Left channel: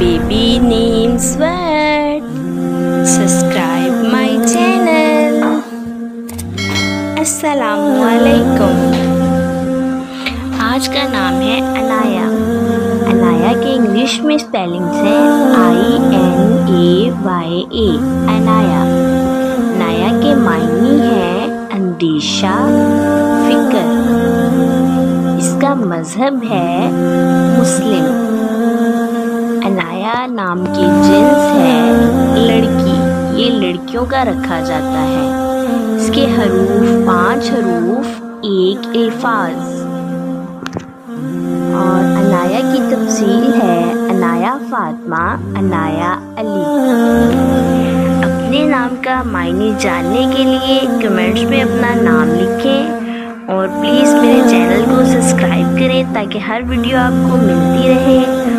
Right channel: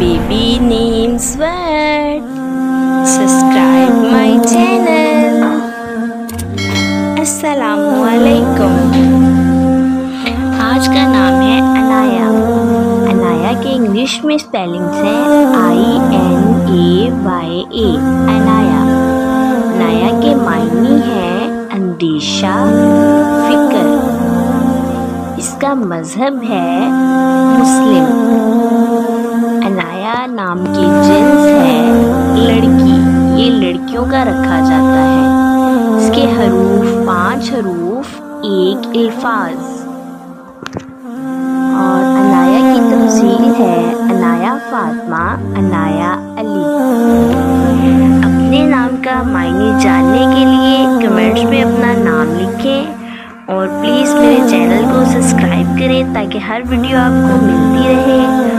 baby names word. Subscribe my channel. Assalamualaikum. आज का नाम है अनाया। अनाया के इंग्लिश में स्पेलिंग्स हैं INAYA, अनाया। अनाया के मायने हैं अंदेशा, फिक्र। इसका मजहब है मुस्लिम। अनाया नाम की जिन्स है लड़की, ये लड़कियों का रखा जाता है। इसके हरूफ 5 हरूफ, 1 अल्फाज। और अनाया की तफसील है अनाया फातिमा, अनाया अली। अपने नाम का मायने जानने के लिए कमेंट्स में अपना नाम लिखें और प्लीज़ मेरे चैनल को सब्सक्राइब करें ताकि हर वीडियो आपको मिलती रहे।